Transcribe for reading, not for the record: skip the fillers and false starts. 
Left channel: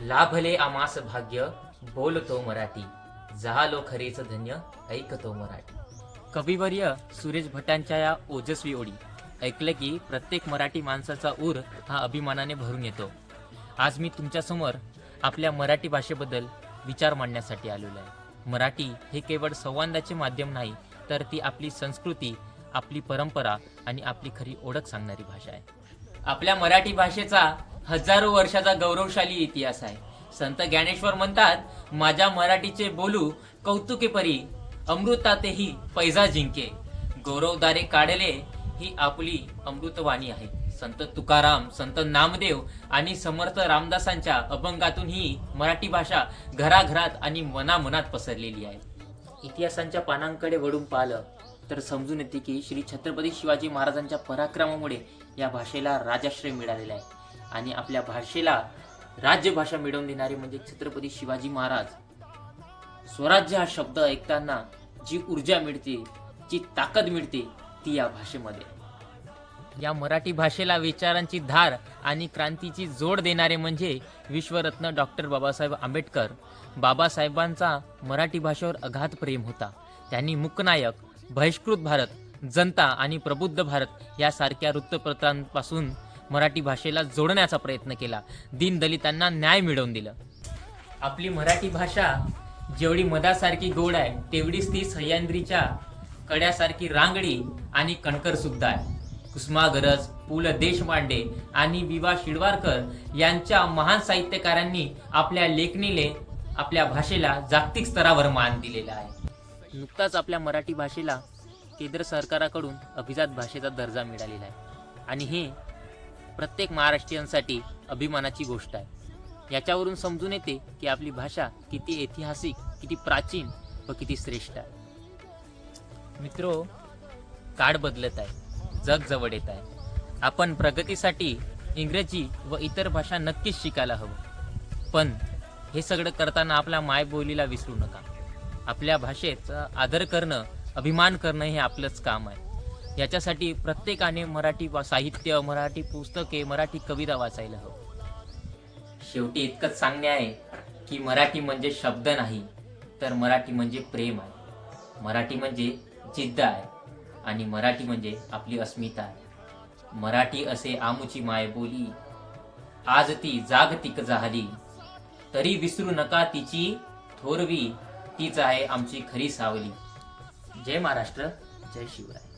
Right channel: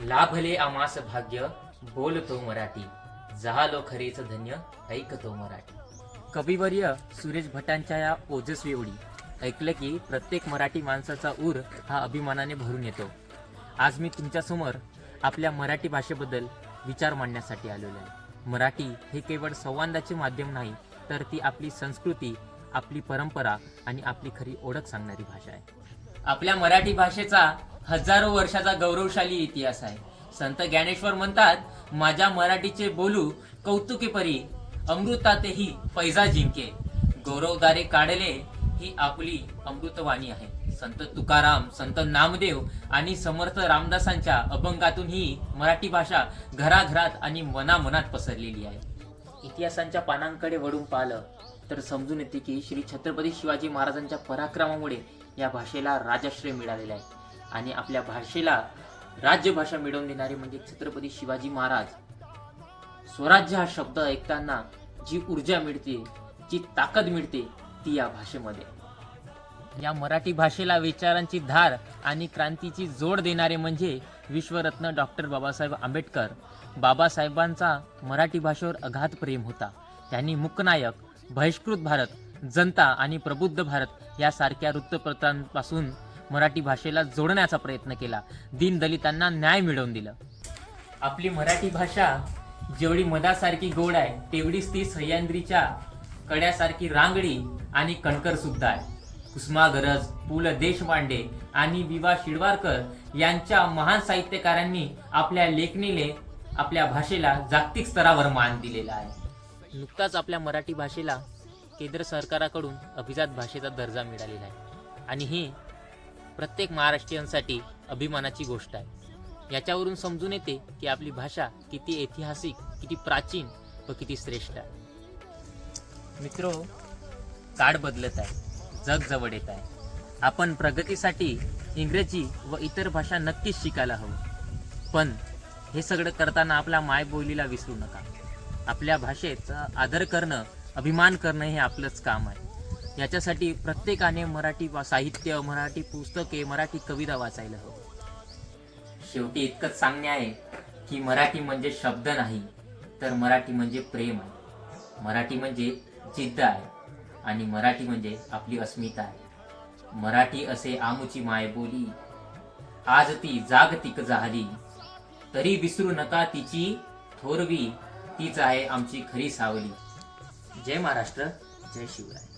लाभले आमास भाग्य बोलतो मराठी, झालो खरेच धन्य ऐकतो मराठी. कविवर्य सुरेश भटांच्या या ओजस्वी ओळी ऐकलं की प्रत्येक मराठी माणसाचा ऊर हा अभिमानाने भरून येतो. आज मी तुमच्यासमोर आपल्या मराठी भाषेबद्दल विचार मांडण्यासाठी आलेलो आहे. मराठी हे केवळ संवादाचे माध्यम नाही, तर ती आपली संस्कृती, आपली परंपरा आणि आपली खरी ओळख सांगणारी भाषा आहे. आपल्या मराठी भाषेचा हजारो वर्षाचा गौरवशाली इतिहास आहे. संत ज्ञानेश्वर म्हणतात, माझ्या मराठीचे बोलू कौतुके परी, अमृतातेही पैजा जिंके, गौरवदारे काढले ही आपली अमृतवाणी आहे. संत तुकाराम, संत नामदेव आणि समर्थ रामदासांच्या अभंगातून ही मराठी भाषा घराघरात आणि मनामनात पसरलेली आहे. इतिहासांच्या पानांकडे वळून पाहिलं तर समजून येते की श्री छत्रपती शिवाजी महाराजांच्या पराक्रमामुळे या भाषेला राजाश्रय मिळालेला आहे. आणि आपल्या भाषेला राज्यभाषा मिळवून देणारे म्हणजे छत्रपती शिवाजी महाराज. स्वराज्य हा शब्द ऐकताना जी ऊर्जा मिळते, जी ताकद मिळते, ती या भाषेमध्ये. या मराठी भाषेला विचारांची धार आणि क्रांतीची जोड देणारे म्हणजे विश्वरत्न डॉक्टर बाबासाहेब आंबेडकर. बाबासाहेबांचा मराठी भाषेवर अगाध प्रेम होता. त्यांनी मुकनायक, बहिष्कृत भारत, जनता आणि प्रबुद्ध भारत यासारख्या वृत्तपत्रांपासून मराठी भाषेला जोडण्याचा प्रयत्न केला. दीनदलितांना न्याय मिळवून दिलं. आपली मराठी भाषा जेवढी मधासारखी गोड आहे, तेवढीच ती सह्याद्रीच्या कड्यासारखी रांगडी आणि कणकर सुद्धा आहे. कुसुमाग्रज, पु ल देशपांडे आणि वि.वा. शिरवाडकर यांच्या महान साहित्यकारांनी आपल्या लेखणीने आपल्या भाषेला जागतिक स्तरावर मान दिलेला आहे. नुकताच आपल्या मराठी भाषेला केंद्र सरकाराकडून अभिजात भाषेचा दर्जा मिळालेला आहे आणि ही प्रत्येक महाराष्ट्रीयांसाठी अभिमानाची गोष्ट आहे. याच्यावरून समजून येते की आपली भाषा किती ऐतिहासिक, किती प्राचीन व किती श्रेष्ठ आहे. मित्रो, काळ बदलत आहे, जग जवळ येत आहे. आपण प्रगतीसाठी इंग्रजी व इतर भाषा नक्कीच शिकायला हवं, पण हे सगळं करताना आपल्या मायबोलीला विसरू नका. आपल्या भाषेचा आदर करणं, अभिमान करणं हे आपलंच काम आहे. याच्यासाठी प्रत्येकाने मराठी साहित्य, मराठी पुस्तके, मराठी कविता वाचायला हवं. शेवटी इतकंच सांगणे आहे की मराठी म्हणजे शब्द नाही, तर मराठी म्हणजे प्रेम आहे. मराठी म्हणजे जिद्द आहे आणि मराठी म्हणजे आपली अस्मिता आहे. मराठी असे आमुची मायबोली, आज ती जागतिक झाली, तरी विसरू नका तिची थोरवी, तीच आहे आमची खरी सावली. जय महाराष्ट्र, जय शिवराय.